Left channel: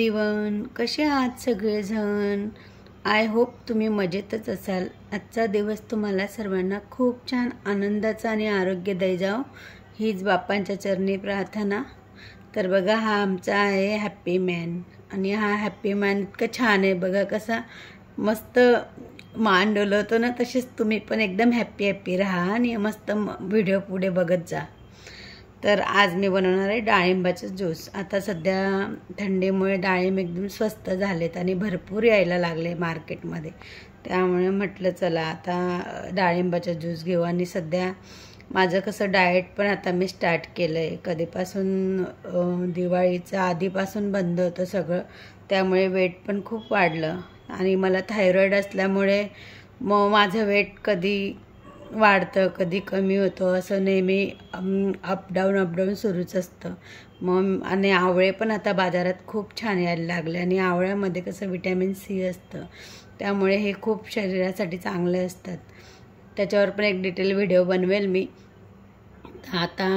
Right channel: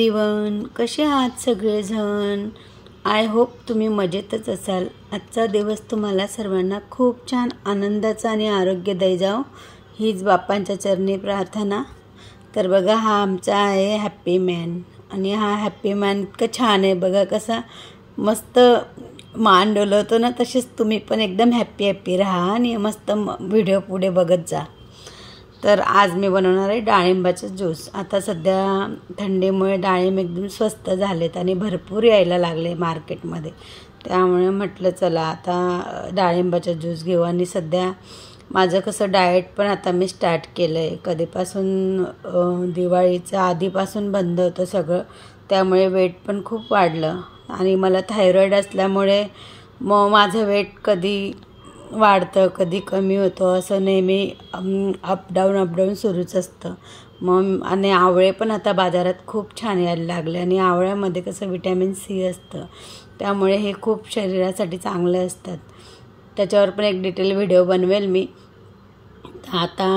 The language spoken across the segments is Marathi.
एव्हरीवन, कसे आहात सगळेजण? आय होप तुम्ही मजेतच असाल। आजचा दिवस तुम्हाला सर्वांना खूप छान आनंदाचा आणि आरोग्यदायी जाओ हीच बाप्पांच्या चरणी प्रार्थना। तर बघा, हा आमचा आहे हॅपी मॅन आणि हा हॅपी मॅन इतकं छान आहे बघा, कसा मस्त मान डोलवतो ना, तसेच तुम्ही पण एकदम हॅपी हॅपी राहा आणि मस्त व्हिडिओ पुढे बघत जा। तर आज मी बनवणार आहे डाळिंबाचं ज्यूस। आता सध्या थंडीमुळे डाळिंब एकदम स्वस्त झालेत आणि भरपूर यायला लागले मार्केटमध्ये, त्यामुळे म्हटलं चला आता डाळिंबाचा ज्यूस घेऊ। आणि सध्या माझं कसं डाएट पण आता मी स्टार्ट केलं आहे, कधीपासून दिवाळीच्या आधीपासून बंद होतं सगळं, त्यामुळे वेट पण खूप वाढलं आणि मला थायरॉईड असल्यामुळे मग माझं वेट कधी वाढतं कधी कमी होतं, असं नेहमी अपडाऊन सुरूच असतं। मग आणि आवळे पण आता बाजारात खूप छान यायला लागले आणि आवळ्यामध्ये कसं व्हिटॅमिन सी असतं, त्यामुळे हे खूप शरीरासाठी चांगले असतात। त्याच्यावर पण एक डिटेल व्हिडिओ बनवेल मी। आता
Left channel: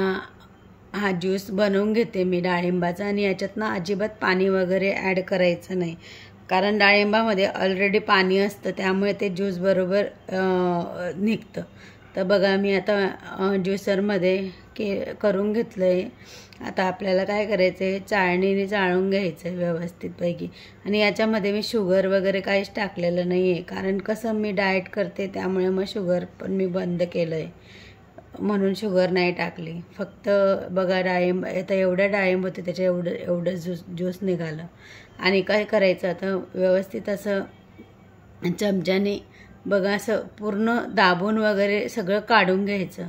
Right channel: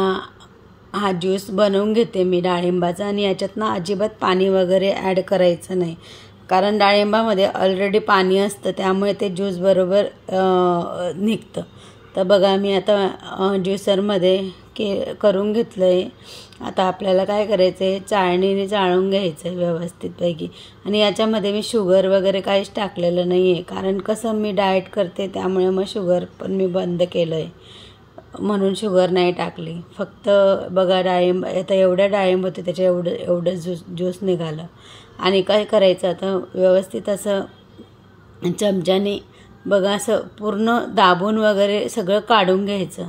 हा ज्यूस बनवून घेते मी डाळिंबाचा, आणि याच्यात ना अजिबात पाणी वगैरे ॲड करायचं नाही, कारण डाळिंबामध्ये ऑलरेडी पाणी असतं, त्यामुळे ते ज्यूस बरोबर निघतं। तर बघा, मी आता ज्युसरमध्ये करून घेतलं आहे। आता आपल्याला काय करायचं आहे, चाळणीने चाळून घ्यायचं आहे व्यवस्थितपैकी। आणि याच्यामध्ये मी शुगर वगैरे काहीच टाकलेलं नाही आहे, कारण कसं मी डाएट करते, त्यामुळे मग शुगर पण मी बंद केलं आहे, म्हणून शुगर नाही टाकली। फक्त बघा, डाळिंब आता एवढ्या डाळिंब होते त्याच्या एवढं ज्यूस निघालं। आणि काय करायचं, आता व्यवस्थित असं चमच्याने बघा असं पूर्ण दाबून वगैरे सगळं काढून घ्यायचं।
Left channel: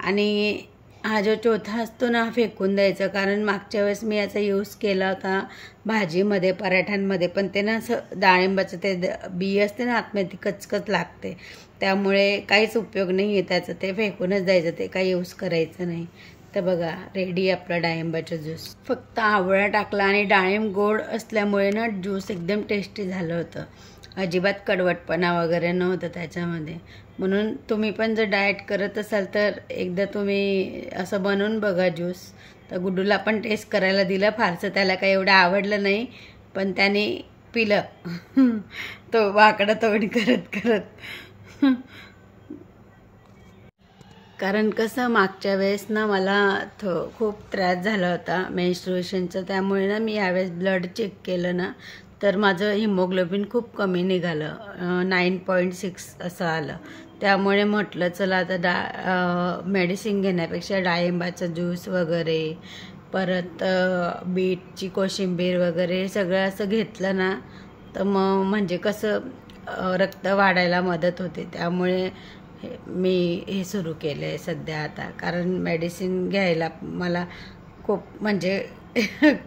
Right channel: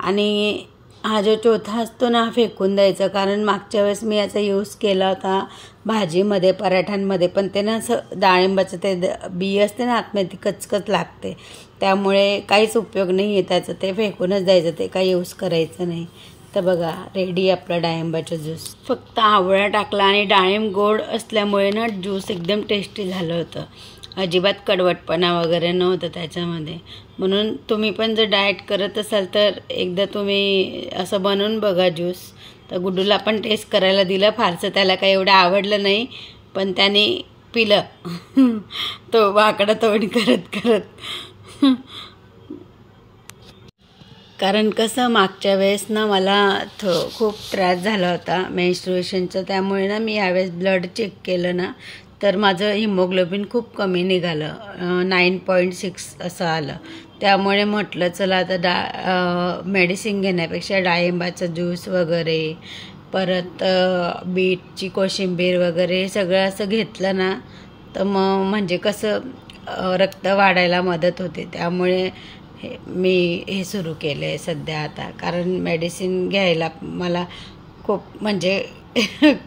आणि हा जो चोथा असतो ना, फेकून द्यायचा, कारण मागच्या वेळेस मी याचा यूज केला होता भाजीमध्ये, पराठ्यांमध्ये, पण ते ना असं डाळिंबाचं ते बी असते ना आतमध्ये, ती कचकच लागते, त्यामुळे काहीच उपयोग नाही आहे त्याचं, ते फेकूनच द्यायचं, ते काही यूज करायचं नाही। तर बघा, रेडी आपला डाळिंबाचा ज्यूस। फक्त आवळा टाकला आणि डाळिंब गोड असल्यामुळे ना ज्यूस एकदम टेस्टी झालं होतं, अजिबात कडवटपणा वगैरे नव्हतं त्याच्यामध्ये। म्हणून तुम्ही पण जर डाएट करत असाल तर एकदा तुम्ही असं बनवून बघा ज्यूस। तर गुड्डूला पण टेस्ट करायला दिलं, फारसं त्याला काही एवढं आवडलं नाही, पण त्याने पिलं तो वाकडं तोंड करत कारण कसं मागच्या वेळेस ना मला खूप त्रास झाला होता मेन्स्ट्रुएशनचा, त्यामुळे ना मी यावेळेस ब्लड चेक केलं ना, तर माझं हिमोग्लोबिन खूप कमी निघालं, 9.6 असं आलं। त्यामुळे म्हटलं चला आता मेडिसिन घेण्यापेक्षा डाळिंबाचा ज्यूस वगैरे, परत बीटची कोशिंबीर वगैरे सगळं असं घेतलं ना, तर मग म्हणजे कसं रक्त वाढायला मदत होते, त्यामुळे मी हे सुरू केलं आहे सध्या आता। कारण मेडिसिन घ्यायला मला खूप म्हणजे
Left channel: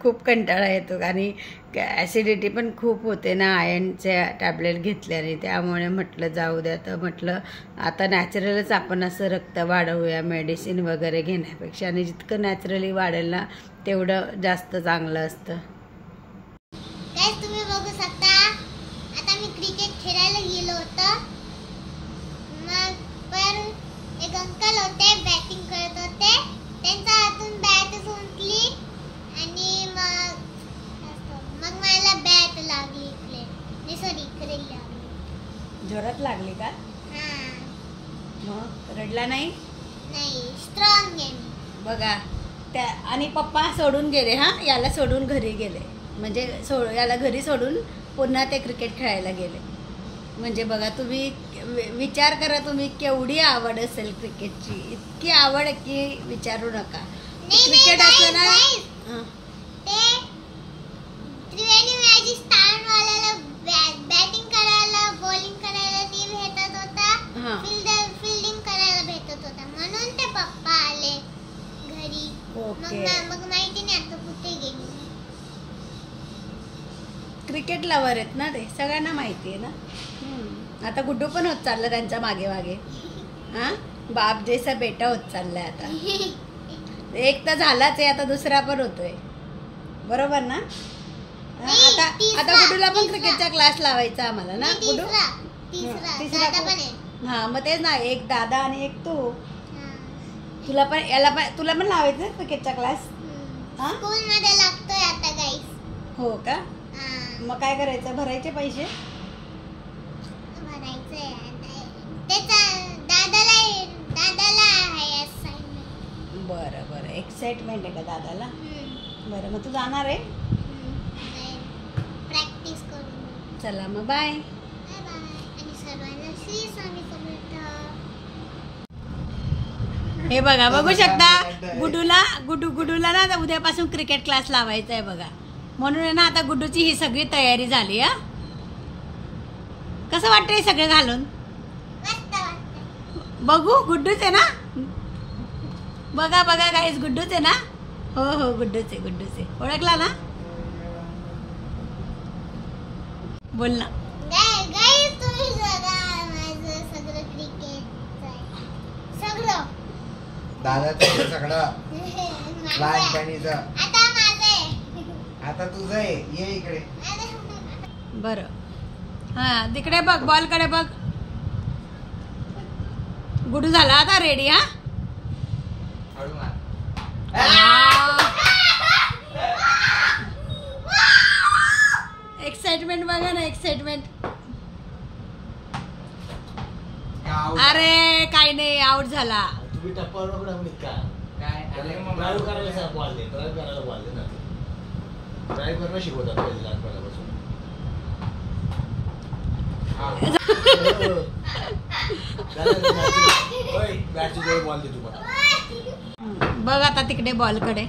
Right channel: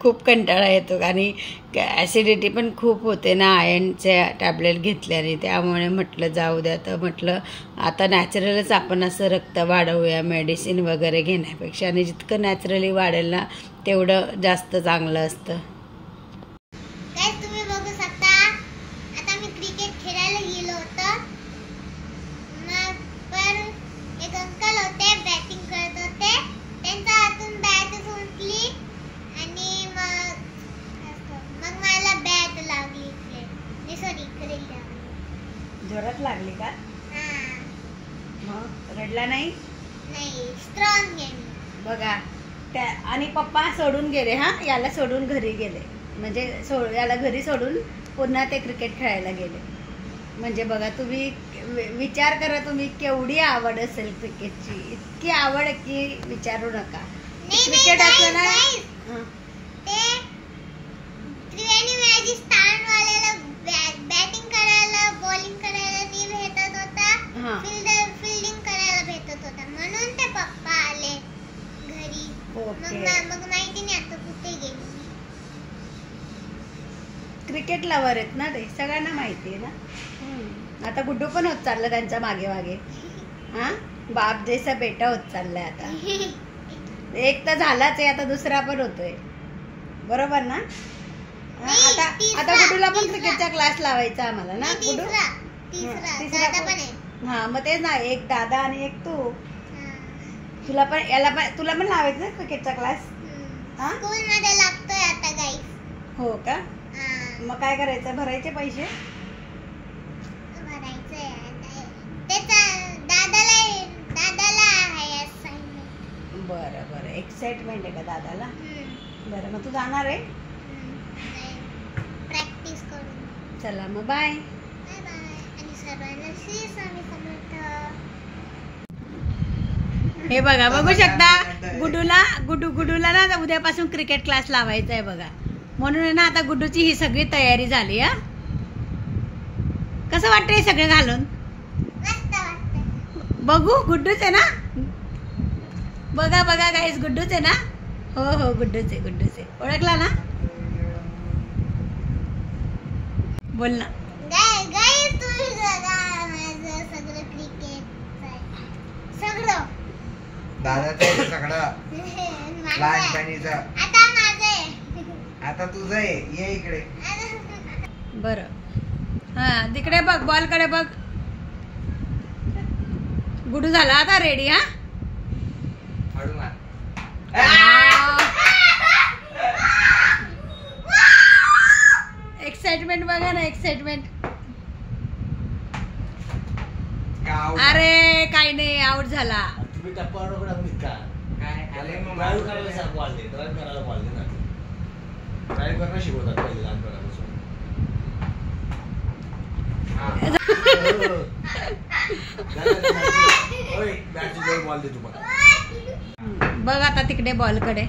खूप कंटाळा येतो, आणि ॲसिडिटी पण खूप होते ना आयर्नच्या टॅबलेट घेतल्याने, त्यामुळे म्हटलं जाऊ द्या, तर म्हटलं आता नॅचरलच आपण असं रक्त वाढवूया मेडिसिन वगैरे घेण्यापेक्षा, आणि जितकं नॅचरली वाढेल ना तेवढं जास्त चांगलं असतं। तुम्ही बघू शकता, आता मी क्रिकेट खेळायला गेलो होतो, मग पण एक अंकल होते बॅटिंग करत होते, त्यांच्या हातून बॅट सुटली आणि मग मला बॅट लागली इकडे लागली। जोरात लागली का? हां। मग रडला नाही? नाही, स्ट्रॉंग आहे बघा त्या। आणि पप्पा सोडून गेले, याला सोडून घरी गेले, म्हणजे याला घरी सोडून पुन्हा ते क्रिकेट खेळायला गेले। म्हणजे बघा, तुम्ही विचार करा, तुम्ही केवढी आवड असेल क्रिकेटची, इतकी आवड की विचारू नका। क्रिकेट असलं ना, ते त्रिवेणी राजस्थानवाल्याला बॅटिंग करायला, बॉलिंग करायला नाही भेटत होता, फील्डिंग करायला भेटत होता, म्हणून ते पप्पा आले घरी। मग माहिती नाही आता कुठे गेले। क्रिकेट लवर आहेत ना ते, सगळ्यांना माहिती आहे ना। आता गुड्डू पण होत चाललं त्यांच्या मागे मागे, बाप जैसा बेटा होत चाललाय आता। एक तर झालाच आहे, आता दुसरा पण होतोय, बरोबर ना? आता गुड्डूला पण क्रिकेटचा क्लास लावायचा आम्हाला ना, गुड्डू तिसरा पण। मग तेच ना, एक दादा आणि एक तू, तुला पण लावायचं ना क्रिकेटचा क्लास? स्कूल मध्ये लागतोय आता गाईस। हो का? हा, मग काय करायचं? भरायचे पैसे? भरायचंय आता. त्याचा दादाला आहे assignment. बरं बरं, एक्साइटमेंट आहे का दादाला? बरं, मग तू जाणार आहे? प्रॅक्टिस करून. चला मग बाय. बाय बाय आणि सर्वांना श्री स्वामी समर्थ. हे बघा, बघू शकता गुड्डूला ना उद्यापासून क्रिकेट क्लास लावायचा आहे बघा. म्हणून ना आता गुड्डूची ही सगळी तयारी झाली. हा, कसं वाटतं हे सगळं घालून? मस्त वाटतं. बघू, गुड्डूच आहे ना? बघा बघा गाईस, गुड्डूच आहे ना? हो हो, गुड्डूच आहे. ओळखला ना? बोल ना. गाईस तुम्ही जरा माझं सगळं क्रिकेट सगळं दादाचं सगळं माझं. लहानपणीचं आता माझं आहे. आता तुझं आहे. ये इकडे. बरं, हा तिकडे बघ, बॉल कडे बघ. गुडू झाला आता रेडी. हा, हळू मार. एक्साइटमेंट बघा ना, एक्साइटमेंट. गाव. अरे काही नाही, आउट झाला. तुम्ही टप्पावर नको टाकू का? काय अरे मग ड्राईव्ह करायला सांग, बॉल दे. ड्राईव्ह करायला बॉल दे ना. ड्राईव्ह करणं शिकवतात पहिले लहानपणापासून. हा. ओय, बॅटची जवळ बॉल दे तुम्हाला. बघ आता तिकडे बॉल कडे.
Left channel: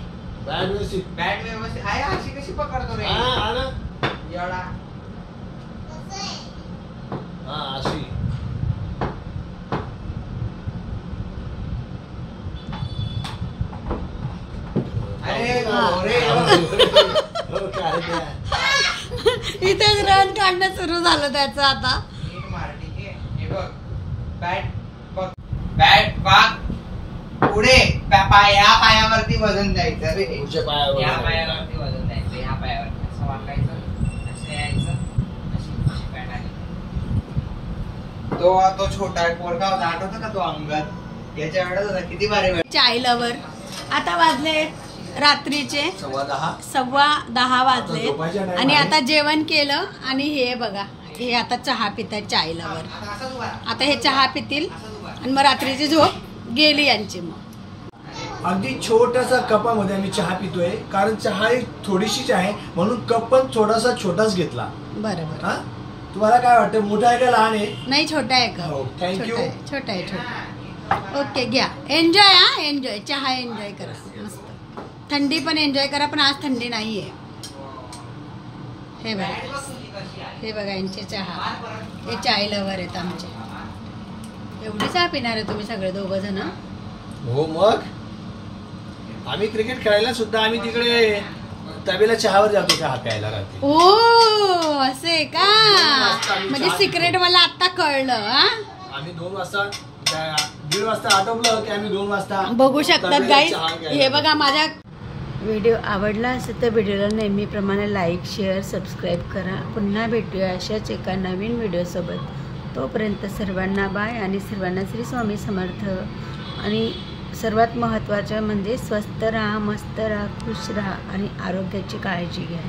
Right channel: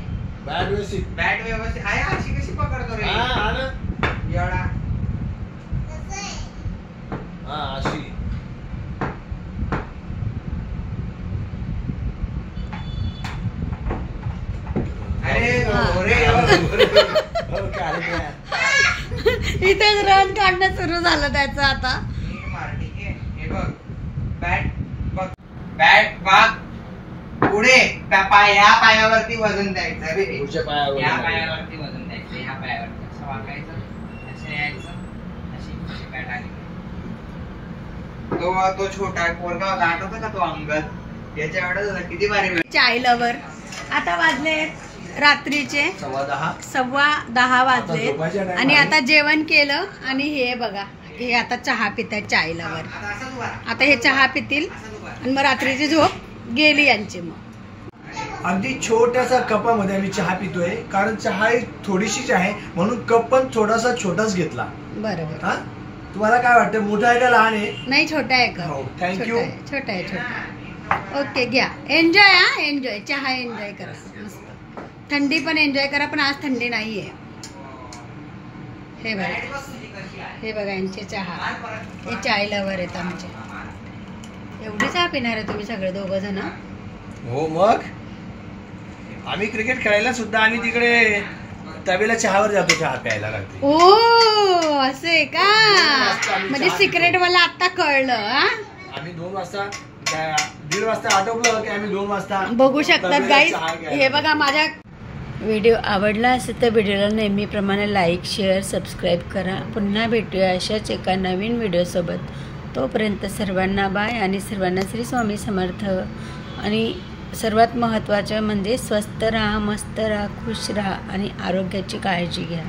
बॅट व्यवस्थित. बॅट व्यवस्थित आहे. अशी कशी पकडतो रे? हा, हा ना. एवढा हा, अशी. अरे हा. रे हो, काय ते? इथेच रन काढणं सुरू झालं त्याचं आता. हे बघ, बॅट बघ, बॅट वाग पुढे. या पायावरती वजन द्यायचं रे. पुढच्या पायावर. या पायावरती वजन द्यायचं. या पायावरती असं वाकायचं, असं यायचं, अशी बॅट आली. तो छोटा पोरगा होता, आठवतं का तो अंगद? याच्या वेळेस होता किती भारी. चाय लवर. आता वाजले रात्रीचे 10:15 वाजले आणि आता जेवण केलं आणि हे बघा, हे आता चहा पितात चाय लवर. आता हे चहा पितील आणि मग रात्रीची झोप गेली यांची. मग अगदी छोट्याशा कपामध्ये आम्ही चहा पितोय, कारण चहा ही थोडीशीच आहे म्हणून कप पण थोडासा छोटाच घेतला. बरोबर. हा, तुम्हाला काय वाटतं, मोठा आहे का लहान आहे? नाही, छोटा आहे का? हो, thank you. छोटा आहे. ओके, घ्या, एन्जॉय. हा, एन्जॉय, चहा एन्जॉय करा मस्त. थंडी पण एन्जॉय करा, पण आज थंडी नाहीये. हे बघा यांचे चहा. हे चाय लवर आहेत आमचे. एवढी चहा पिणार आहे तुम्ही सगळे दोघं जण? हो, मग आम्ही क्रिकेट खेळायला सुद्धा आम्ही तिकडे तबेला चहावर जातो चहा प्यायला रात्री. ओ, असं आहे का? आम्ही म्हणजे चहा सिक्रेट मला आता कळलं. हा, आम्ही 2 वाजता 1:30 वाजता आटोपलं की आम्ही 2 वाजता बघू शकतात तबेला गाईज. चहा घ्यायला हे बघा, माझ्या व्हिडिओ आवडला असेल तर व्हिडिओला नेहमीप्रमाणे लाईक, शेअर, सबस्क्राईब करा. पुन्हा भेटूया अशाच एका नवीन व्हिडिओसोबत. तोपर्यंत सर्वांना बाय आणि सर्वांना श्री स्वामी समर्थ. आणि सर्वात महत्त्वाचं म्हणजे स्वस्थ राहा, मस्त राहा, खुश राहा आणि आरोग्याची काळजी घ्या.